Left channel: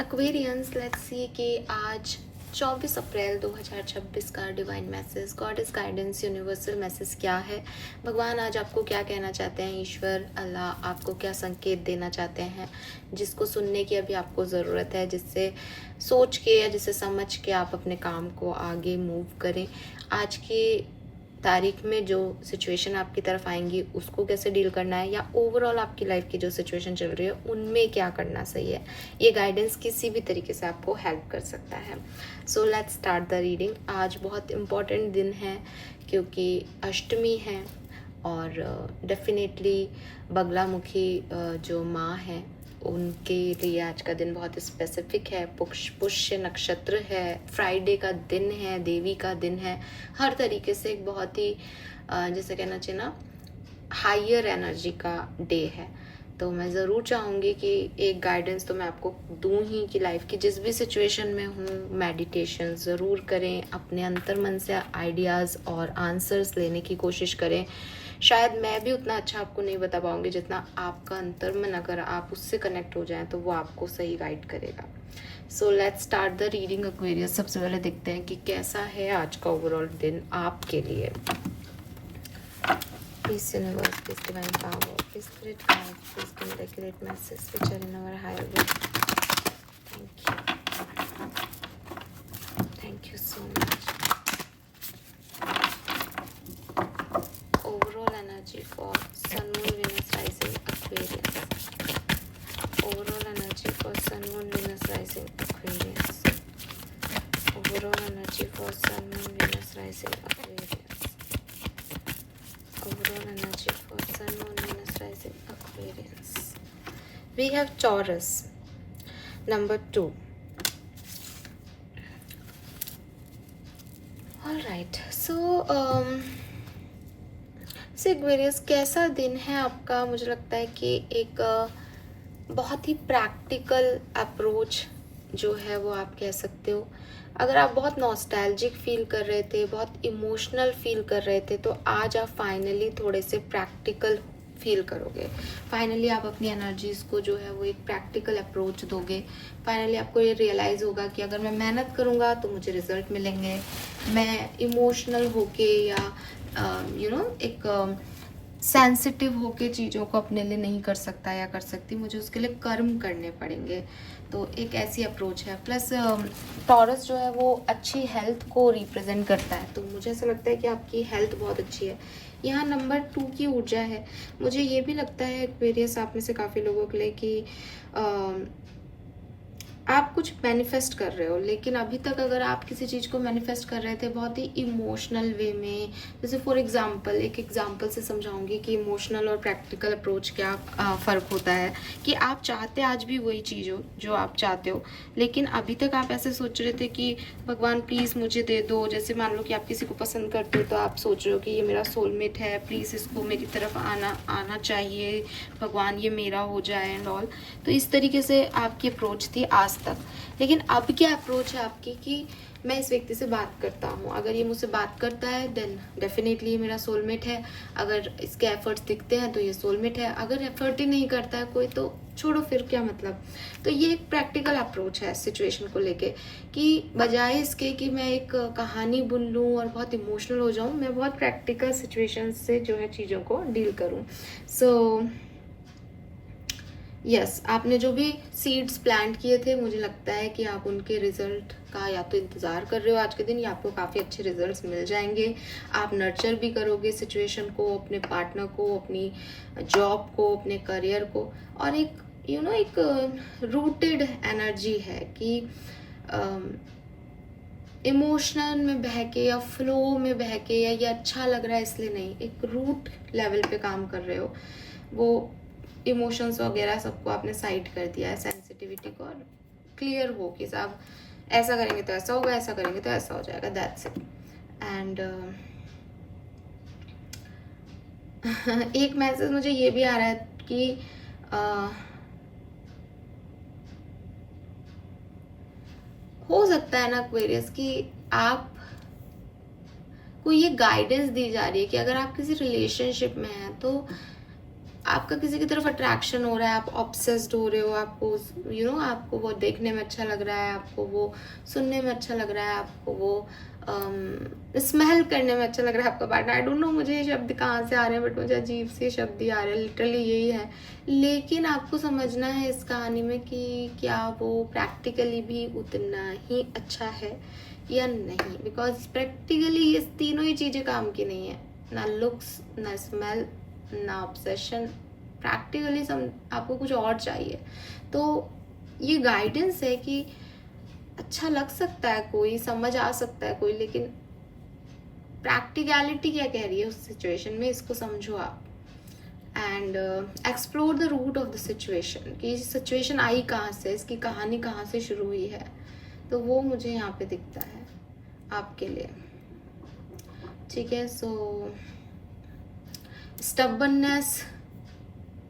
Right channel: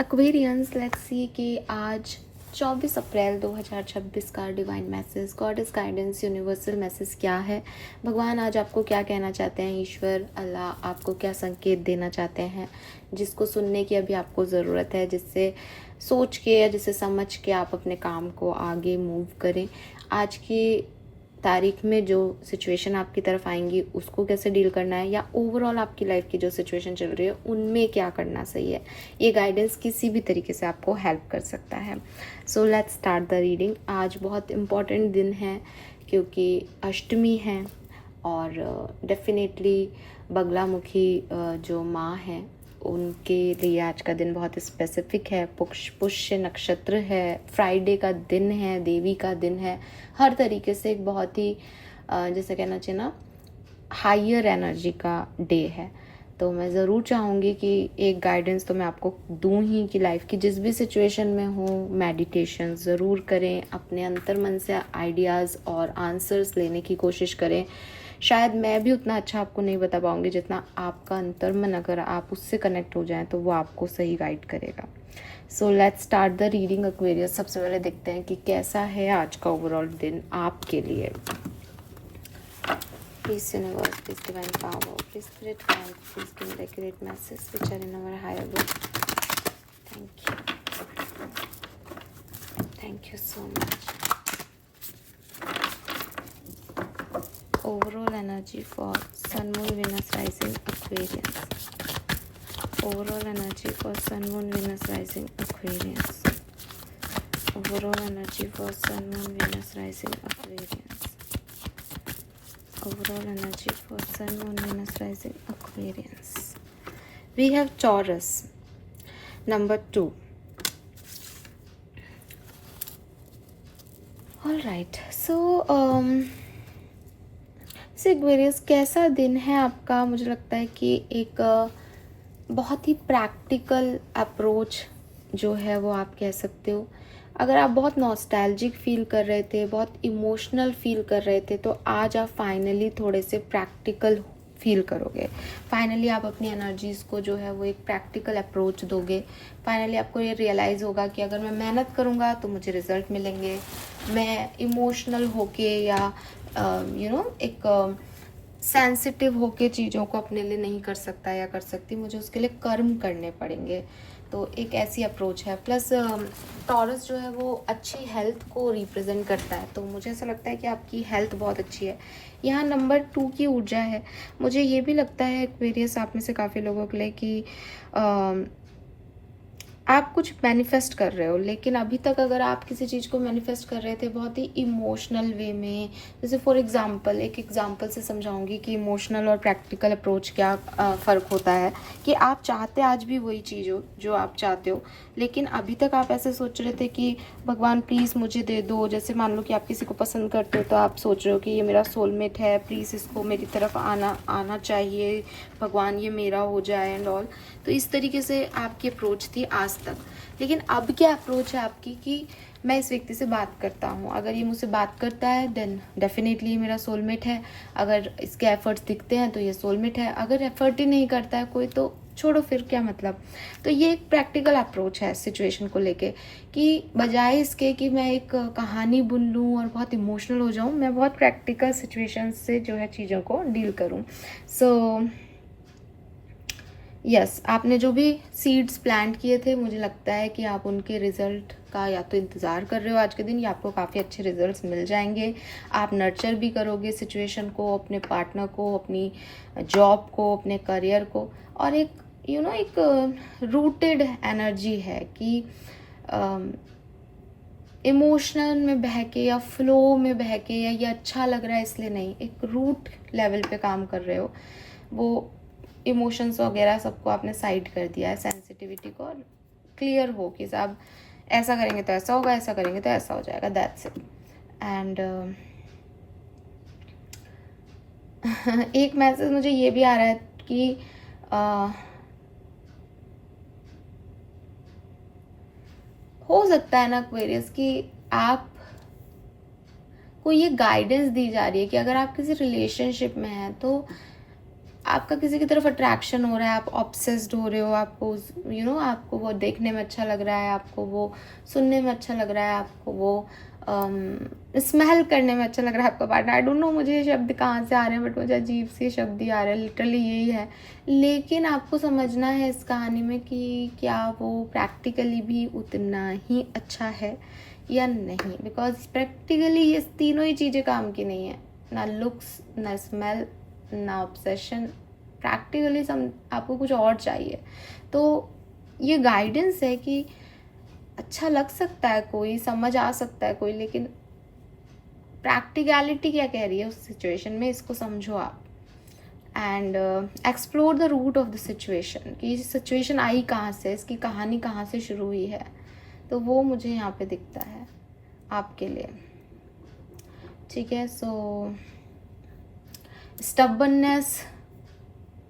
Aquarians, let's see कि आज 24 अप्रैल 2026 का divine message, goddess guidance, universal message क्या है। भगवान आज आपको क्या कहना चाहते हैं, ईश्वर अल्लाह आपको क्या संकेत देना चाहते हैं, जिसको सुनने की अभी आपको ज़रूरत है, जिससे सोच के या जिससे समझ के आप अपने काम को आगे मूव करें। आज की तारीख में जो सिचुएशन आपकी तरफ आएंगी उसको कैसे डील करना है, या ओवरऑल आपकी लाइफ की जो सिचुएशन चल रही है उनमें क्या करना सही है, ये गाइडेंस किसी भी तरीके से आपको हेल्प कर सकता है। So let's start the reading. आज बहुत इम्पॉर्टेंट दिन है क्योंकि अष्टमी है और डेफिनेटली बगलामुखी जो माँ है उनके लिए आज का दिन बहुत स्पेसिफिक है। पुष्य नक्षत्र है, फ्राइडे का दिन है, देवी का दिन है, हर तरीके से एक बहुत ही जैसे कहना चाहिए ना हायर एनर्जी का डे है। तो मैं ज़रूर चाहूँगी कि एक गाइडेंस तो मैं आपको दूँ ही कि लाइफ की जिस भी सिचुएशन में हो मेडिटेशन ज़रूर करें, अपने अंतर्मन से आइडियाज़ और आंसर्स लेने की कोशिश करें। शायद मैं भी उतना अच्छा आपको नहीं बता पाऊँगी जितना आपका अंतर्मन, अगर आप उससे कनेक्ट हो जाएं तो वो आपको सही गाइड करेगा। So let's start the reading Aquarius. सबसे पहले देखते हैं कि कैसा है आज का ओवरऑल दिन आपके लिए। Peace universe, peace divine power, peace spirit guide, please give the accurate message which are in our higher will. Thank you. Thank you so much. Overall energy for Sun, Moon, Venus, Rising, Aquarius. Overall energy for Sun, Moon, Venus, Rising, Aquarius. Overall energy for Sun, Moon, Venus, Rising, Aquarius. Overall energy for Sun, Moon, Venus, Rising, Aquarius. We have Taurus, number 2. All right. So, Aquarius, कैसा दिन है आपका? मुझे लगता है कि एक बहुत ही प्रैक्टिकल अप्रोच जो है वो आप कह सकते हो। अगर आप बहुत नॉस्टैल्जिक फील कर रहे थे, बहुत इमोशनल फील कर रहे थे, तो आज आप फाइनली थोड़े से प्रैक्टिकल फील करोगे। फाइनली आप अपनी एनर्जीज को जो है वो एक प्रैक्टिकल अप्रोच दोगे। फाइनली आपको ये रियलाइज़ होगा कि अगर मैं मेहनत करूँगा तो मुझे रिजल्ट मिलेंगे। मैं इमोशनल होके या एक सेंसिटिव होके चीज़ों को अपने लिए नहीं कर सकता या कर सकती, मुझे उसके लिए कर्म करने पड़ेंगे। तो एक ऐसी अप्रोच है। प्लस टॉरस जो है वो अच्छी हेल्थ को रिप्रेजेंट करता है, तो मुझे ऐसा लगता है कि आपकी हेल्थ बहुत अच्छी है। यहाँ नंबर 2 की ऊर्जा है। मुझे ये भी लगता है एक्वेरियस आप में से काफ़ी लोगों के लिए कि आप कुछ मैनिफेस्ट कर रहे हो, लेकिन अभी तक अगर आप किसी चीज़ को मैनिफेस्ट कर रहे थे बहुत ही इमोशनल वे में, जैसे फॉर एग्जांपल एक एग्जांपल से समझाऊंगी कि इमोशनल और प्रैक्टिकल अप्रोच क्या फ़र्क होता है। कि आप चाहते आज भी वही चीज़ हो जो आप चाहते हो, लेकिन अभी तक आप ऐसे सोच रहे थे कि भगवान प्लीज़ मुझे दे दो। जैसे मान लो कि आप किसी को पसंद करते हो तो आप सोच रहे हो कि ये मेरा सोलमेट है, प्लीज़ इसको मेरी तरफ आना चाहिए, भगवान ये मेरा हो जाए एंड ऑल। तो इस तरीके से आपकी अप्रोच थी आज तक। लेकिन अब क्या अप्रोच है आपकी कि मैं इस व्यक्ति से बात करता हूँ, अगर ये मुझसे बात करता है देन डेफिनेटली मेरा सोलमेट है। अगर इसके एफर्ट्स दिखते हैं तो ये सोलमेट है। अगर एफर्ट ही नहीं करता है कोई तो छोड़ो, फिर क्या मतलब। तो ये एक प्रैक्टिकल अप्रोच है सिचुएशन को लेके, कि बजाय इसके कि मैं एक कहानी बुन लूँ और बहुत इमोशनल हो जाऊँ, मैं बहुत प्रैक्टिकल सिचुएशन से जो है चीज़ों को डील करूँ। सो यस, आपने जो भी सीड्स प्लांट किए थे मुझे लगता है कि आप उनके रिजल्ट का या तो इंतज़ार कर रहे हो आज के दिन, या आपको काफ़ी अच्छे रिजल्ट्स मिल जाएंगे। आप नर्चर भी करोगे सिचुएशन को, अपने पार्टनर को, अपनी जॉब को, अपने करियर को। और एक एक रूटेड एनर्जी है कि इमोशनल में बह के या फ्लो में बह के या ये अच्छा लग रहा है इसलिए नहीं, एक रूट लेवल पे काम कर रहे हो। वो इमोशंस वगैरह सबको आपने साइड कर दिया है, सेंसिटिविटी को, और क्लियर हो कि साहब ऐसा करेंगे तो ऐसा होगा, ऐसा करेंगे तो ऐसा हो जाएगा, दैट्स इट। एंड एक मैसेज मुझे ये भी आ रहा है कि हो सकता है ना एक्वेरियस कि आप को ये गाइडेंस दी जा रही है कि अगर आप किसी रिलेशनशिप में हैं तो आपका किसी की तरफ अट्रैक्शन हो रहा है, आप ऑब्सेस्ड हो रहे हो, आपको आपको वो देखने में अच्छा लग रहा है, आपको वो सुनने में अच्छा लग रहा है, आपको वो स्मेल करने में अच्छा लग रहा है आपका पार्टनर। आई डोंट नो मुझे ये शब्द कहाँ से आ रहे हैं, बट मुझे अजीब से शब्द ही आ रहे हैं, लिटरली यही है। लेकिन आपको समझना है इस कहानी में कि क्या वो प्रैक्टिकली भी उतना ही अच्छा है या नहीं, बिकॉज प्रैक्टिकली ये तीनों ही चीज़ें काम की नहीं है, ना लुक्स, ना स्मेल, ना ऑब्सेशन। प्रैक्टिकली आपको कुछ और चाहिए। तो ये गाइडेंस है कि अच्छा लग सकता है कोई, समझ आ सकता है कोई, लेकिन प्रैक्टिकलिटी क्या कह रही है उस सिचुएशन में, इसको समझो आप। And explore the root of the situation, कि सिचुएशन आई कहाँ से, इसकी कहानी कहाँ से शुरू हुई है। तो वो मुझे यहाँ पे दिखता है आपके लिए। ठीक है, सो स्टबर्ननेस,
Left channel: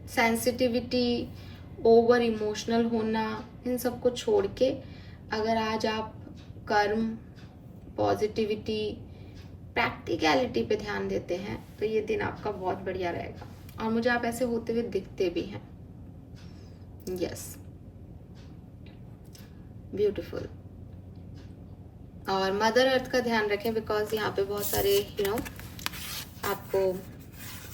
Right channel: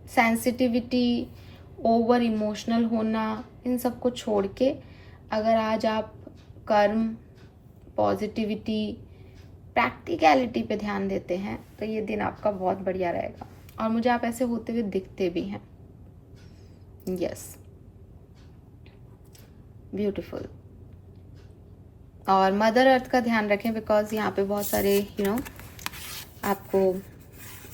सेंसिटिविटी, ओवर इमोशनल होना, इन सब को छोड़ के अगर आज आप कर्म, पॉजिटिविटी, प्रैक्टिकलिटी पे ध्यान देते हैं तो ये दिन आपका बहुत बढ़िया रहेगा। और मुझे आप ऐसे होते हुए दिखते भी हैं। Yes, beautiful. और मदर अर्थ का ध्यान रखें, बिकॉज यहाँ पे बहुत सारे आपको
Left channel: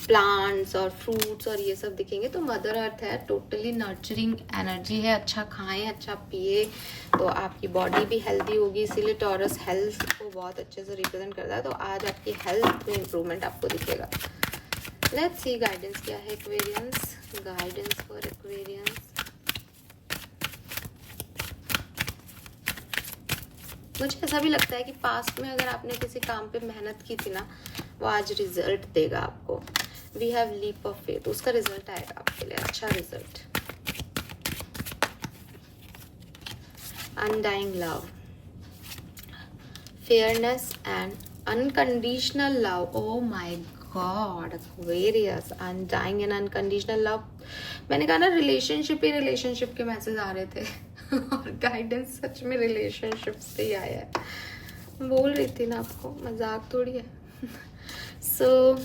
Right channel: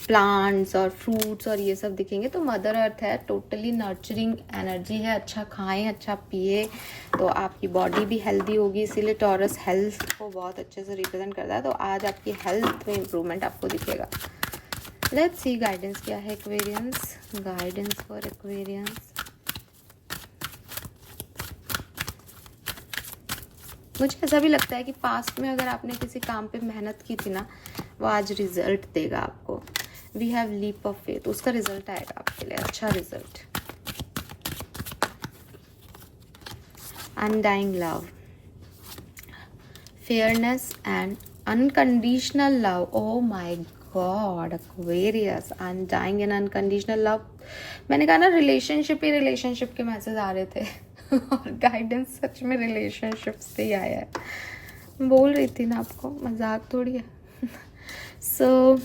प्लांट्स और फ्रूट्स और ये सब दिखेंगे। तो मदर अर्थ है, टोटली नर्चरिंग एनर्जी है। अच्छा खाएं, अच्छा पिए, तो आपकी बॉडी भी हेल्दी होगी। इसीलिए टॉरस हेल्थ को बहुत अच्छे से रिप्रेजेंट करता है। तो आज आपकी हेल्थ में इम्प्रूवमेंट आपको दिखेगा। लेट्स सी गाइडेंस क्या है एक्वेरियंस, गाइडेंस फॉर एक्वेरियंस। मुझे ऐसा भी लगता है कि पास्ट में अगर आपने किसी काम पे मेहनत की थी ना, वो आज रिजल्ट देगा आपको। We have leap of faith, उसका रिजल्ट आएगा आपके लिए, अच्छा result. Undying love, fairness and unconditional love. Oh my God Aquarius, undying and unconditional love. मैंने कहा ना, रिलेशनशिप के मैसेज आ रहे थे और गाइडेंस सच में रिलेशनशिप से ही आया है। बोल रही थी ना आपको, मजाक थोड़ी है। सो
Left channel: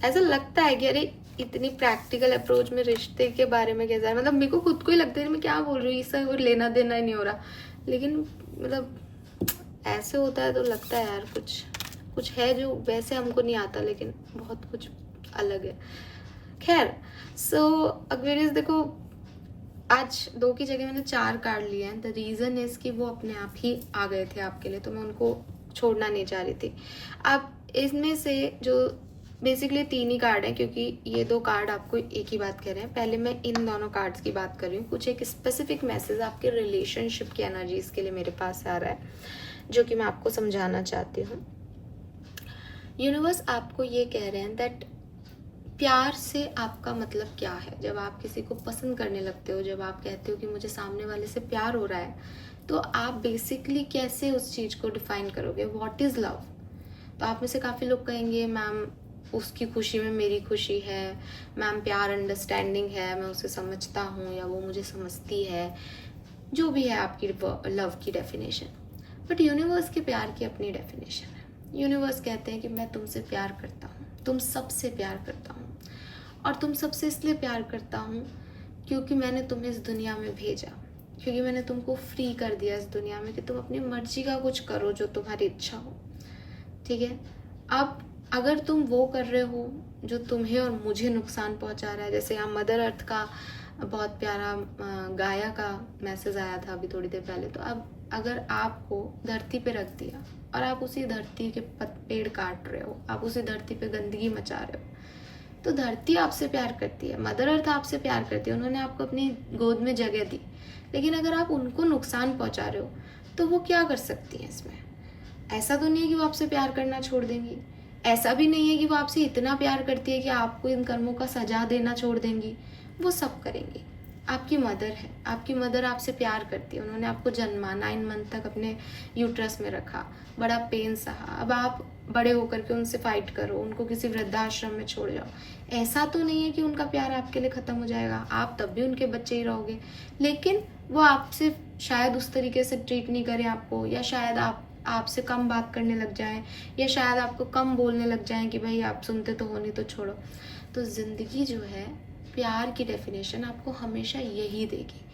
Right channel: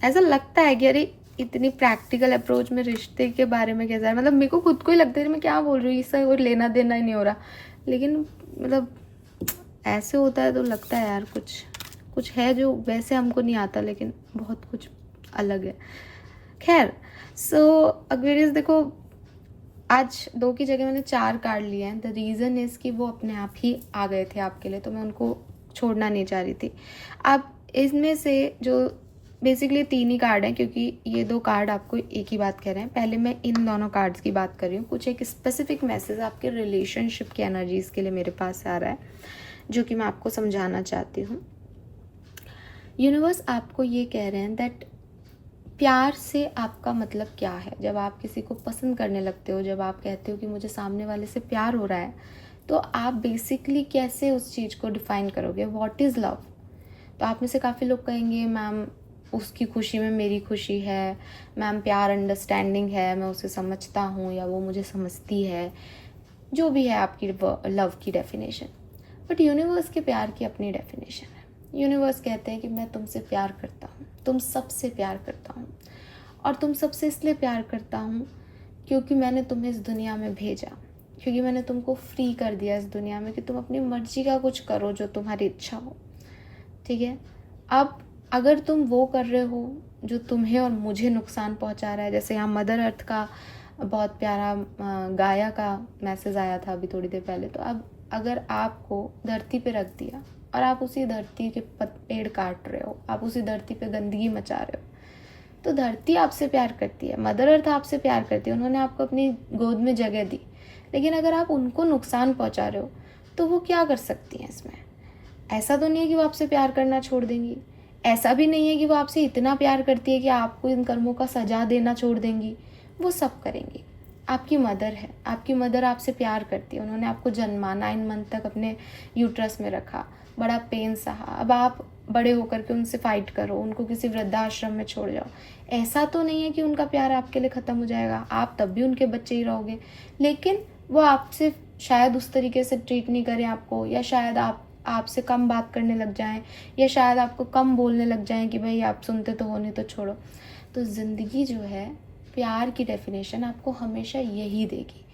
ऐसा लगता है कि अरे इतनी प्रैक्टिकल अप्रोच में रिश्ते के बारे में कैसा है, मतलब मेरे को खुद को ही लगता है मैं क्या बोल रही हूँ, इससे और लेना देना ही नहीं हो रहा। लेकिन मतलब ऐसे होता है तो लगता है यार कुछ है जो वैसे हमको नहीं आता, लेकिन बहुत कुछ अलग है। खैर, सो एक्वेरियस देखो, आज 2 की जगह मैंने 4 कार्ड लिए हैं। द रीज़न इज़ कि वो अपने आप ही आ गए थे आपके लिए, तो मैं उनको छोड़ना नहीं चाह रही थी। आप इसमें से जो बेसिकली 3 ही कार्ड हैं, क्योंकि ये 2 कार्ड आपको एक ही बात कह रहे हैं। पहले मैं इन दोनों कार्ड्स की बात कर रही हूँ। कुछ एक स्पेसिफिक मैसेज आपके रिलेशनशिप की एनर्जीज के लिए मेरे पास आ रहा है, जो कि मैं आपको समझाना चाहती हूँ। यूनिवर्स आपको ये कह रहे हैं दैट प्यार से आपका मतलब क्या है। जब आप किसी को पसंद करने लगते हो, जब आप कहते हो कि मुझे सामने वाले से प्यार हो रहा है, तो आप बेसिकली कैसे उस चीज़ को डिफाइन करोगे, व्हाट इज़ लव। तो आप में से काफ़ी लोग कहेंगे मैम उसकी खुशी में मेरी खुशी है, मैम प्यार अंडरस्टैंडिंग है, मैं उसे समझता हूँ या वो मुझे समझती है, जो भी है आपकी लव की डेफिनेशन। बट यूनिवर्स के प्यार की अपनी डेफिनेशन है। यूनिवर्स कहते हैं कि मैं तुमसे प्यार करता हूँ, तुम सबसे प्यार करता हूँ, और तुम सबसे इसलिए प्यार करता हूँ क्योंकि मैंने तुम्हें इस दुनिया में भेजा, क्योंकि मैंने तुमको फ्री कर दिया इस दुनिया में कि तुम अपनी मर्जी का कुछ करो जो तुम्हारी इच्छा हो। ठीक है, अब अगर तुम वो कर रहे हो जो तुम्हें और मुझे नुकसान पहुंचा रहा है, जैसे यहाँ मदर अर्थ का बहुत प्यारा गाया का मैसेज आया था अभी थोड़ी देर पहले। तो अब अगर आपको धरती पे रख दिया और आप उसी धरती के पेड़ काट रहे हो, आप उसी धरती पे गंदगी मचा रहे हो, तो धरती आपसे प्यार करती है, मदर अर्थ आपसे प्यार करती है, उन्होंने आपको अपनी गोद में जगह दी। लेकिन अगर आप उनको नुकसान पहुंचा रहे हो तो वो क्या कर सकती हैं इसमें। ऐसा तो नहीं है कि वो आपसे प्यार करना छोड़ देंगी, ऐसा भी नहीं है कि वो आपसे इतना प्यार करती है कि आपको इन कर्मों का सजा देना छोड़ देंगी। वो सब करेंगी। आपकी मदर है, आपकी मदर आपसे प्यार करती है, उन्होंने आपको जन्मा, 9 मंथ तक अपने यूट्रस में रखा, बड़ा पेन सहा। अब आप बड़े होकर के उनसे फाइट करो, उनको किसी वृद्धाश्रम में छोड़ जाओ। ऐसा तो नहीं है कि उनका प्यार आपके लिए ख़त्म हो जाएगा, आप तब भी उनके बच्चे ही रहोगे। लेकिन वो आपसे शायद उस तरीके से ट्रीट नहीं करें आपको, या शायद आपसे कम बात करने लग जाएं, या शायद आपको कम बोलने लग जाएं कि भाई आप सुनते तो हो नहीं तो छोड़ो। तो ज़िंदगी जो है प्यार की डेफिनेशन आपको हमेशा यही देगी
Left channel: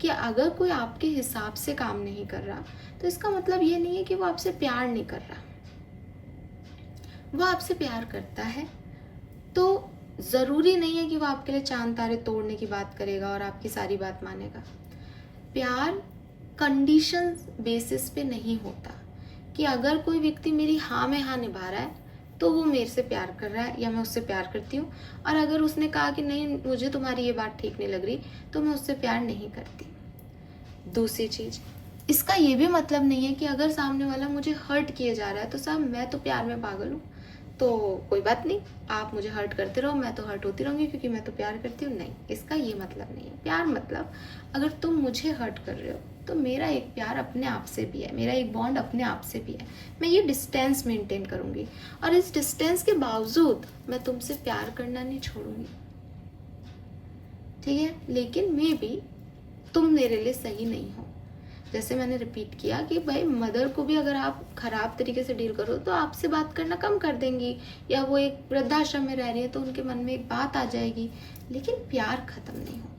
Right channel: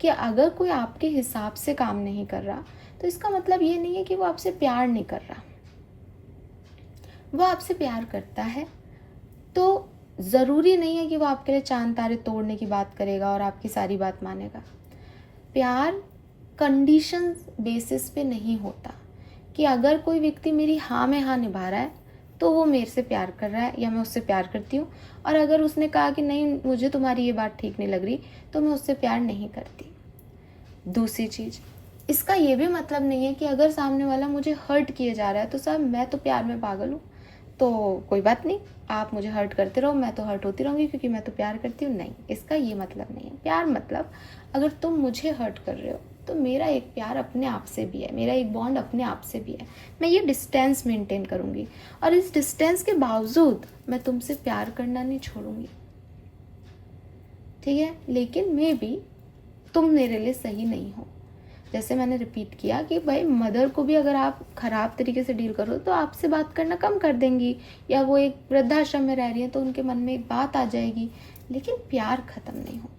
कि अगर कोई आपके हिसाब से काम नहीं कर रहा तो इसका मतलब ये नहीं है कि वो आपसे प्यार नहीं कर रहा। वो आपसे प्यार करता है तो ज़रूरी नहीं है कि वो आपके लिए चांद तारे तोड़ने की बात करेगा और आपकी सारी बात मानेगा। प्यार कंडीशन बेसिस पे नहीं होता कि अगर कोई व्यक्ति मेरी हाँ में हाँ निभा रहा है तो वो मेरे से प्यार कर रहा है या मैं उससे प्यार करती हूँ, और अगर उसने कहा कि नहीं मुझे तुम्हारी ये बात ठीक नहीं लग रही तो मैं उससे प्यार नहीं करती। दूसरी चीज़, इसका ये भी मतलब नहीं है कि अगर सामने वाला मुझे हर्ट किए जा रहा है तो साहब मैं तो प्यार में पागल हूँ तो कोई बात नहीं, आप मुझे हर्ट करते रहो, मैं तो हर्ट होती रहूँगी क्योंकि मैं तो प्यार करती हूँ। नहीं, इसका ये मतलब नहीं है। प्यार मतलब अगर तुम मुझे हर्ट कर रहे हो तो मेरा एक प्यार अपने आप से भी है, मेरा एक बॉन्ड अपने आप से भी है। मैं ये डिस्टेंस मेंटेन करूँगी और इस डिस्टेंस के बावजूद मैं तुमसे प्यार करना नहीं छोड़ूंगी, ठीक है। लेकिन मे बी तुम मेरे लिए सही नहीं हो। जैसे मैंने रिपीट किया कि भाई मदर को भी अगर आप खराब तरीके से डील करो तो आपसे बात करना कम कर देंगी, या वो एक वृद्धाश्रम में रह रही है तो उनके मन में एक बात आ जाएगी, लेकिन प्यार खत्म नहीं होता।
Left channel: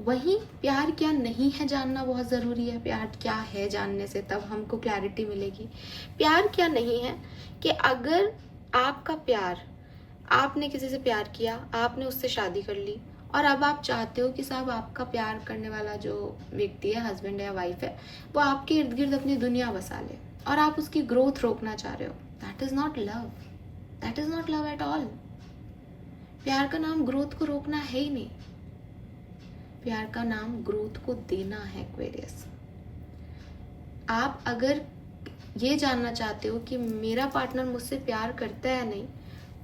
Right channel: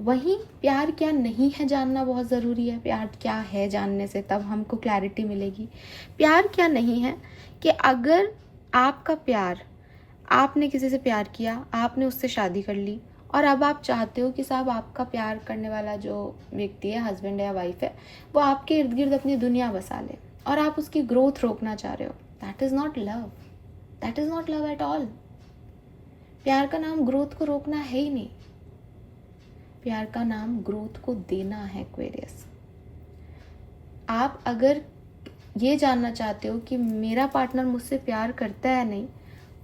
वहीं प्यार क्या नहीं है जानना बहुत ज़रूरी है। प्यार क्या है जानने से तब हमको क्लैरिटी मिलेगी। प्यार क्या नहीं है कि अगर आपका प्यार, आपने किसी से प्यार किया, आपने उससे शादी कर ली और अब आप चाहते हो कि साहब आपका प्यार करने वाला जो व्यक्ति है, हस्बैंड है या वाइफ है, वो आपके इर्द गिर्द अपनी दुनिया बसा ले और आप उसकी ग्रोथ रोकना चाह रहे हो। That is not love, that is not love at all. प्यार का नाम ग्रोथ को रोकना है ही नहीं, प्यार का नाम ग्रोथ को देना है। एक्वेरियस, आप अगर ये जानना चाहते हो कि मेरा पार्टनर मुझसे प्यार करता है नहीं,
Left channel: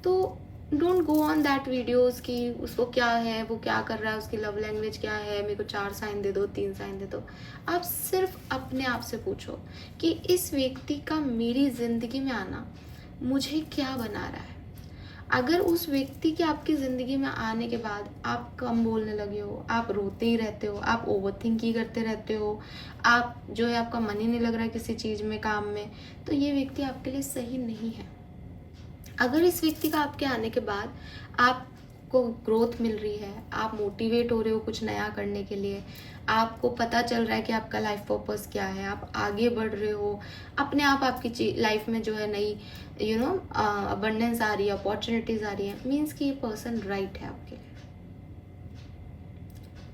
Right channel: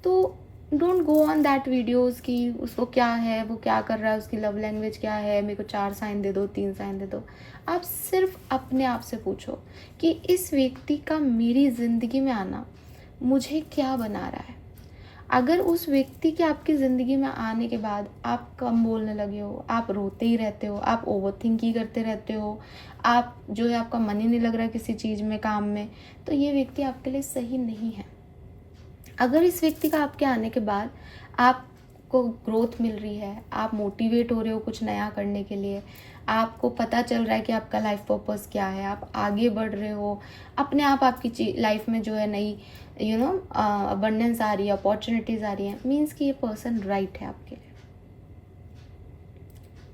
तो don't go on that videos कि उसको क्या है, वो क्या कर रहा है, उसकी लव लैंग्वेज क्या है, मेरे को 4 साइन दे दो, 3 साइन दे दो। आप सिर्फ अपने आप से पूछो कि इस व्यक्ति का मेरी ज़िंदगी में आना मुझे क्या बना रहा है। अगर उस व्यक्ति के आपकी ज़िंदगी में आने के बाद आप कम बोलने लगे हो, आप रोते ही रहते हो, आप ओवरथिंक ही करते रहते हो, आप जो है आपका मन ही नहीं लग रहा किसी चीज़ में, काम में, तो ये व्यक्ति आपके लिए सही नहीं है। अगर इस व्यक्ति का आपके आने के बाद आपको ग्रोथ मिल रही है, आप मोटिवेट हो रहे हो कुछ नया करने के लिए, आपको पता चल रहा है कि आपका लाइफ पर्पस क्या है, आप आगे बढ़ रहे हो, अपने आप आपकी लाइफ में जो है नई अबंडेंस आ रही है, अपॉर्चुनिटीज आ रही है, मीन्स कि ये पर्सन राइट है आपके लिए,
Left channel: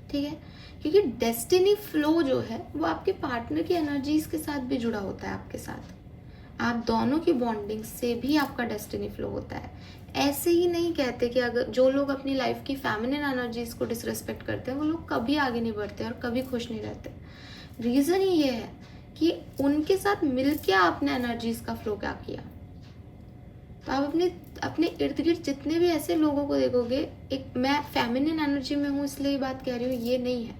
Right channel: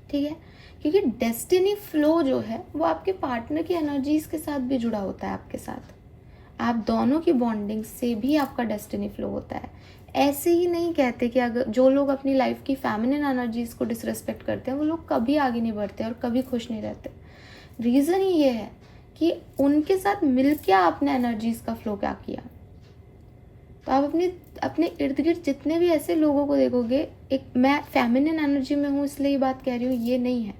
ठीक है। क्योंकि डेस्टिनी फ्लो जो है वो आपके पार्टनर की एनर्जीज के साथ भी जुड़ा होता है, आपके साथ आप दोनों की बॉन्डिंग से भी आपका डेस्टिनी फ्लो होता है। ऐसे ही नहीं कहते कि अगर जो लोग अपनी लाइफ की फेमिनिन एनर्जीज को डिसरेस्पेक्ट करते हैं वो लोग कभी आगे नहीं बढ़ते और कभी खुश नहीं रहते। रीज़न ही ये है कि उनके साथ मिलकर आपने एनर्जीज का फ्लो क्या किया। तो आप अपने इर्द गिर्द जितने भी ऐसे लोगों को देखोगे, एक मैं फेमिनिन एनर्जी में हूँ इसलिए ये बात कह रही हूँ, ये नहीं है,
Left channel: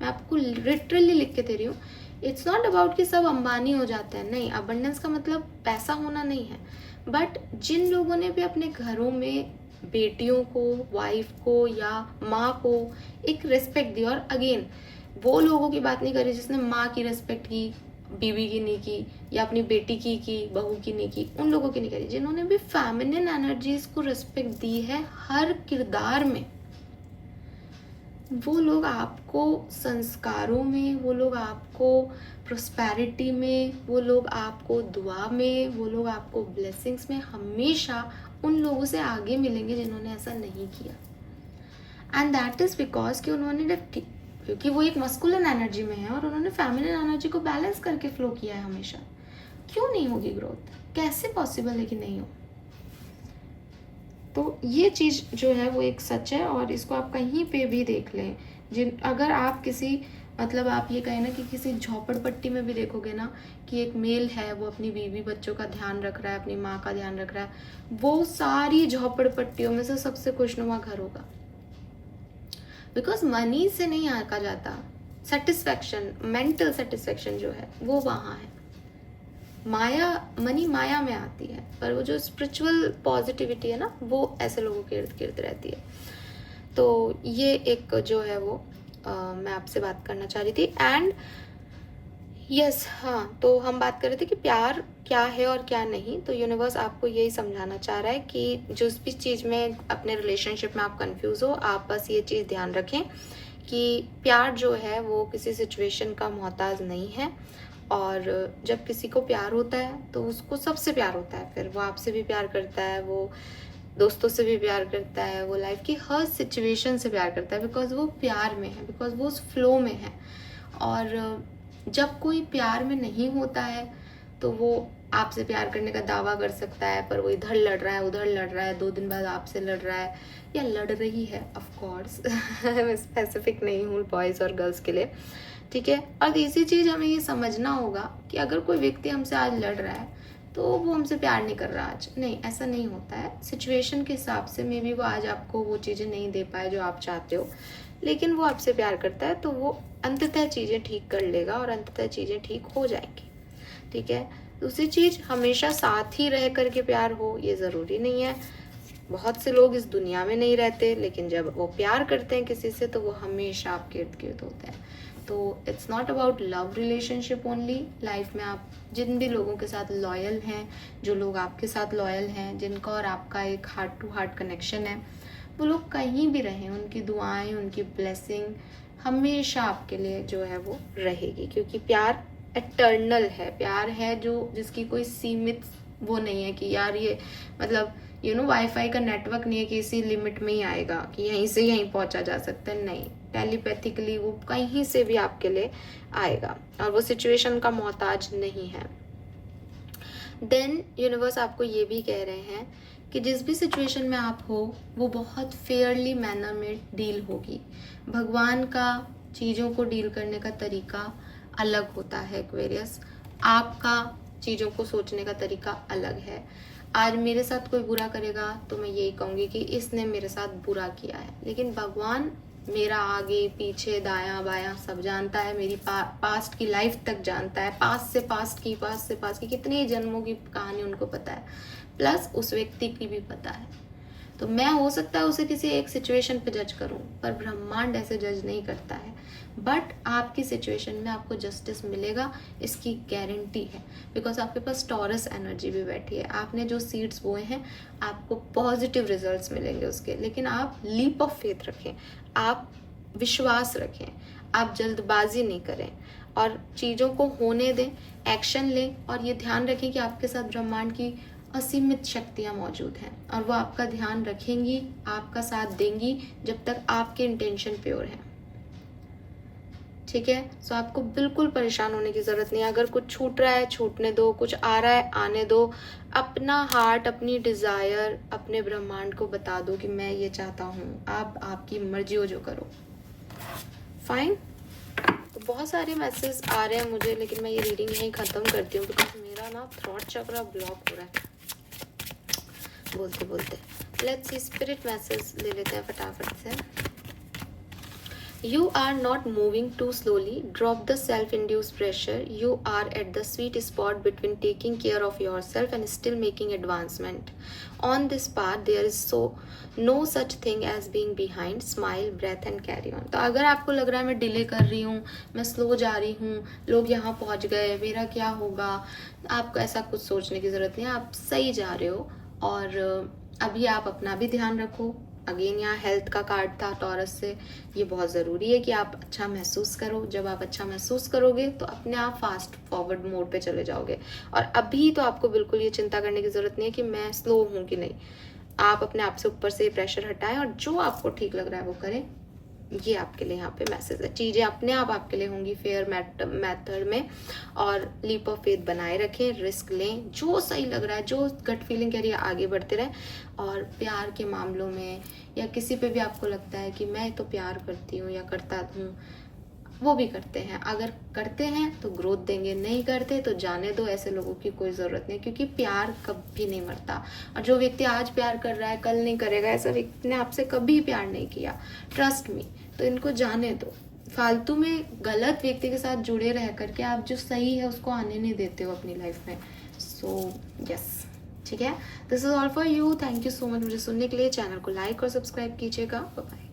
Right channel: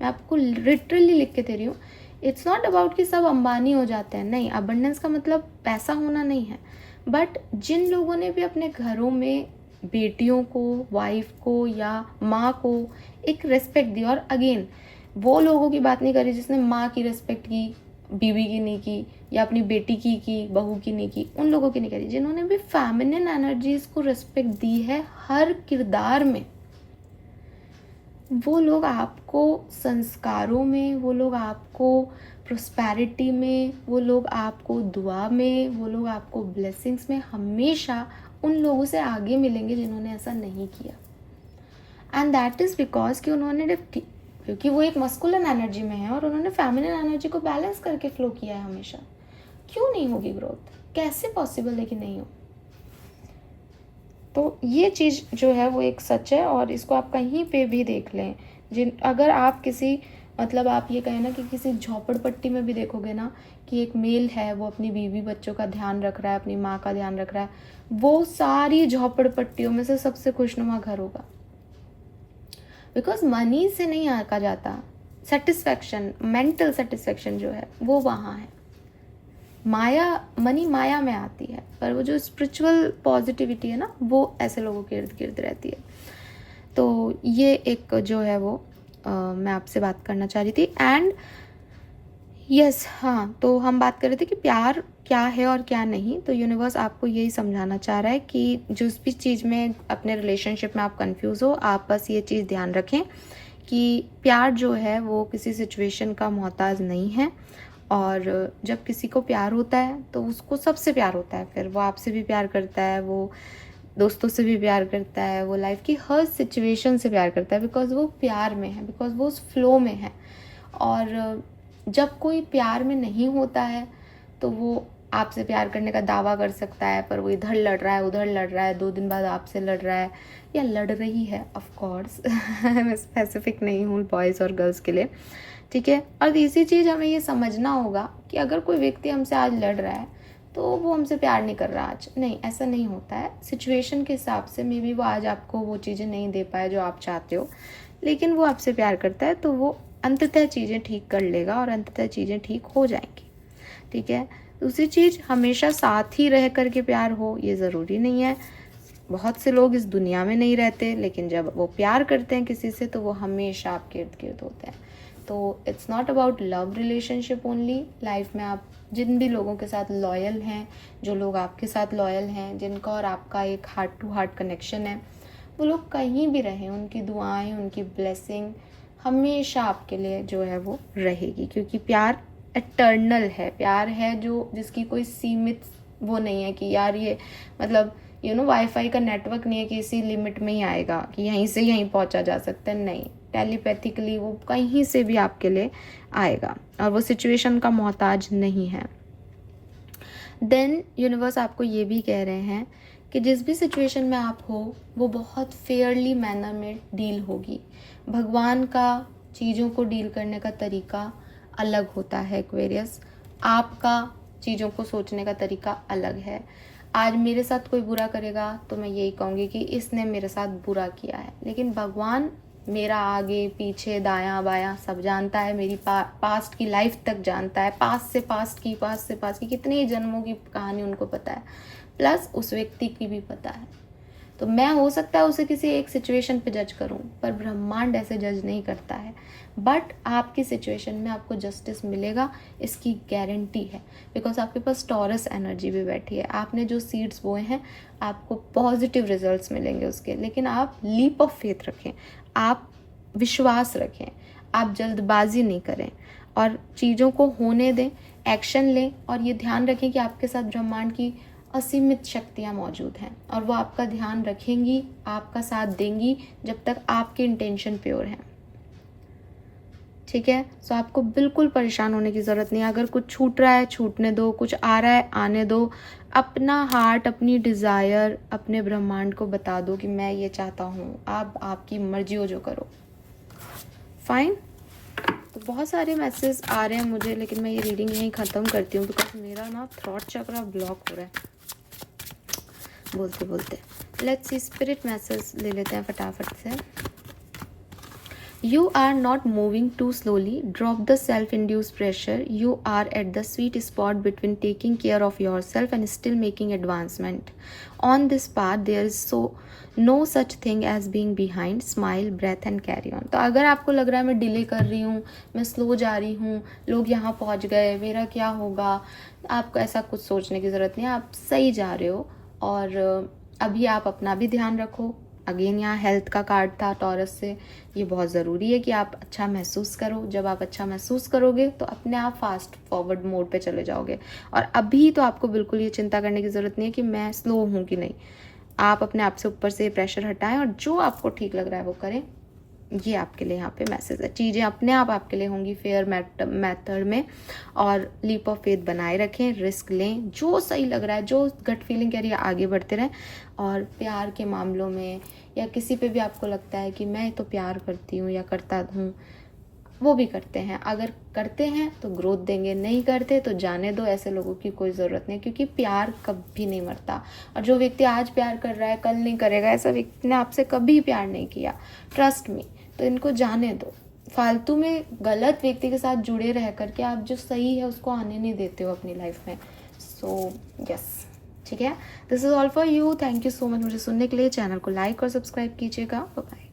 मैं आपको लिटरली लिख के दे रही हूँ। इट्स नॉट अबाउट कि सब अंबानी हो जाते हैं, नहीं, अबंडेंस का मतलब पैसा होना नहीं है, बट जिन लोगों ने भी अपने घरों में बेटियों को, वाइफ को या माँ को एक रेस्पेक्ट दी, और अगेन वो लोगों की बात नहीं करी जिसने माँ की रेस्पेक्ट की, बीवी की नहीं की, या अपनी बेटी की बहू की नहीं की, उन लोगों की नहीं करी, जिन्होंने भी फेमिनिन एनर्जीज को रेस्पेक्ट दी है हर किरदार में, वो लोग आपको संस्कारों में, वो लोग आपको प्रोस्पेरिटी में, वो लोग आपको दुआ में, वो लोग आपको ब्लेसिंग्स में हमेशा उन लोगों से आगे मिलेंगे जिन्होंने ऐसा नहीं किया। एंड दैट इज़ बिकॉज कि उन्होंने, क्योंकि वो एक मस्कुलिन एनर्जी में है और उन्होंने फेमिनिन एनर्जी को बैलेंस करके फ्लो किया है हमेशा। क्यों नहीं होगी ग्रोथ, कैसे पॉसिबल है कि नहीं हो। तो ये चीज़ जो है वो एक सच है, और इसको आप कहीं पे भी देख लें। अगर आप किसी, मतलब आप ये कहें ना कि किसी झोपड़पट्टी में भी देखोगे ना कि एक मेल है, वो अपनी बीवी बच्चों का ध्यान रख रहा है, अपनी माँ का ध्यान रख रहा है, वो सारी झोपड़पट्टियों में से सबसे खुशनुमा घर होगा। बिकॉज मनी से नहीं आका जाता, सेटिस्फैक्शन, मेंटल सेटिस्फैक्शन जो है वो वहाँ है। मनी माया में आती है, पर वो जो स्पिरिचुअल पॉजिटिविटी है ना, वो ऐसे लोगों के इर्द गिर्द रहती है। तो ये एक जो है वो मैं आपसे बात करना चाह रही थी। एंड यस हाँ, तो हम बात कर रहे थे कि प्यार क्या है और क्या नहीं। तो यूनिवर्स आपको यही समझाना चाह रहा है कि जिस भी चीज़ में अपने रिलेशनशिप में आप कंफ्यूज हो, आप बस ये चीज़ ध्यान रखें कि प्यार जो है वो किसी सिचुएशन का मोहताज नहीं है। और जब किसी को प्यार होता है तो उसको सबसे प्यार होता है, फिर वो आपसे भी प्यार करता है, वो दोस्तों से भी प्यार करता है, वो लाइफ की हर सिचुएशन से प्यार करता है, बिकॉज वो प्यार में है, बिकॉज वो उस फ्लो में है। और जब कोई प्यार में नहीं होता है तो वो आपसे प्यार करने का दावा कर सकता है, पर वो इधर लड़ रहा है, उधर लड़ रहा है, 2 दिन बाद आपसे लड़ रहा है या लड़ रही है, ऑफ कोर्स मैं स्पेसिफिक नहीं हूँ बॉयज़ और गर्ल्स के लिए, ठीक है। और तीसरी चीज़ हमें ये समझना होगा कि अगर कोई व्यक्ति हमसे आज लड़ रहा है तो वो हमसे प्यार नहीं कर रहा आज, नहीं, ऐसा नहीं होता है। सिचुएशन के हिसाब से मे बी वो आज आपको वो चीज़ें नहीं दे पाए जो आप चाहते हो, लेकिन वो आपसे प्यार करता है, तो वो अंततः चीज़ें ठीक कर लेगा और अंततः चीज़ें ठीक हो जाएंगी, ठीक है। दूसरी चीज़, हमेशा साथ ही रह करके प्यार हो ये ज़रूरी नहीं है। बहुत से लोग इस दुनिया में नहीं रहते, लेकिन जब वो प्यार करते हैं किसी से तो वो हमेशा आपके इर्द गिर्द होता है। तो it's not about love relationship only. Life में आप जिन भी लोगों के साथ लॉयल हैं, जो लोग आपके साथ लॉयल हैं, जिनका और आपका एक हार्ट टू हार्ट कनेक्शन है, वो लोग कहीं भी रहें, उनकी दुआएं, उनकी ब्लेसिंग हमेशा आपके लिए जो है वो रहेगी, क्योंकि प्यार एटर्नल है। प्यार है जो जिसकी कोई सीमित वो नहीं है कि यार ये मतलब वाईफाई का नेटवर्क नहीं है कि इसी लिमिट में ही आएगा कि यहीं से यहीं पहुंचा जा सकता है, नहीं, टेलीपैथिकली वो कहीं से भी आपके लिए आएगा और वो सिचुएशन का मोहताज नहीं है। देन यूनिवर्स आपको ये भी कह रहे हैं कि जिस भी सिचुएशन में आप हो वो बहुत फेयरली मैनर में डील होगी। भगवान का चीज़ों को डील करने का तरीका अलग होता है एक्वेरियस, आपका चीज़ों को सोचने का तरीका अलग है। आज मेरे साथ कोई बुरा करेगा तो मैं यही कहूँगी कि इसने मेरे साथ बुरा किया है, लेकिन भगवान मेरा आगे पीछे दायां बायां सब जानता है, मेरी पास्ट की लाइफ तक जानता है, पास्ट से पास्ट की कितने जन्मों की कहानी उनको पता है, प्लस उस व्यक्ति की भी पता है। तो मैं हो सकता है उसे किसी एक सिचुएशन पे जज करूं, पर ब्रह्मांड ऐसे जज नहीं करता है। बट आपकी सिचुएशन में आपको जस्टिस मिलेगा, इसकी गारंटी है, बिकॉज आपके पास टॉरस एनर्जी भी बैठी है। आपने जो सीड्स बोए हैं आपको पॉजिटिव रिजल्ट्स मिलेंगे उसके, लेकिन आप लीप ऑफ फेथ रखें, आप विश्वास रखें, आप जल्दबाजी नहीं करें और चीज़ों को होने दें, एक्शन लें। और ये ध्यान रखें कि आपके साथ ब्रह्मांड की असीमित शक्तियाँ मौजूद हैं और वो आपका ध्यान रखेंगी, आपका साथ देंगी जब तक आपकी इंटेंशन प्योर है, ठीक है। सो आपको बिल्कुल परेशान होने की ज़रूरत नहीं है। अगर कुछ छूट रहा है छूटने दो, कुछ आ रहा है आने दो। अपना हार्ट, अपनी डिज़ायर अपने ब्रह्मांड को बता दो कि मैं ये चाहता हूँ, आप आपकी मर्जी हो जो करो, फाइन। तो बहुत सारे मैसेज आ रहे हैं मुझे, लेकिन मैं ये रीडिंग यहीं ख़त्म करती हूँ बिकॉज मेरा ना थ्रॉट चक्र ब्लॉक हो रहा है बोलते बोलते। लेट्स सी स्पिरिट मैसेज ले लेते हैं फटाफट से। You are not moving too slowly. Drop the self-induced pressure. You are at the sweet spot between taking care of yourself and still making advancement. On this path, there is no such thing as being behind. Smile, breath and carry on. तो अगर आपको लग रहा है मैं delay कर रही हूँ, मैं स्लो जा रही हूँ, लोग यहाँ पहुँच गए, मेरा क्या होगा, आपको ऐसा कुछ सोचने की ज़रूरत नहीं है। आप सही जा रहे हो और अभी आप अपना भी ध्यान रखो। अगेन यहाँ हेल्थ का कार्ड था टॉरस से, ये बहुत ज़रूरी है कि आप अच्छा महसूस करो। जब आप अच्छा महसूस करोगे तो अपने आप फास्ट फॉरवर्ड मोड पे चले जाओगे। और अभी तो आपको बिल्कुल ये चिंता करने की ज़रूरत नहीं है कि मैं स्लो हूँ कि नहीं। आप अपने आप से ऊपर से प्रेशर हटाएं और जो आपको ठीक लग रहा है वो करें। ये आपके लिए यहाँ पे मैसेज है। चीज़ें अपने आप आपके लिए होंगी फेयर मेथड में। और लीप ऑफ फेथ बनाए रखें, रिस्क लें, जो सही लग रहा है, जो गट फीलिंग कह रही है आगे बढ़ते रहें। और प्यार के मामलों में या किसी पे भी आपको लगता है कि मैं तो प्यार करती हूँ या करता हूँ, वो भी करते हैं। अगर करते हैं तो ग्रोथ देंगे, नहीं करते तो जाने दो। ऐसे लोगों की कोई ज़रूरत नहीं, क्योंकि प्यार कभी नहीं मरता। और जो व्यक्ति आज प्यार कर रहा है कल नहीं करेगा, ऐसा व्यक्ति ने आपसे कभी प्यार नहीं किया, ट्रस्ट मी। तो इनको जाने दो। फालतू में गलत व्यक्ति के साथ जुड़े रह करके आप जो सही है उसको आने नहीं देते हो अपनी लाइफ में। सो यस, ठीक है। This is all for you. Thank you so much मुझे सुनने के लिए। चैनल को लाइक और सब्सक्राइब कीजिएगा। बाय।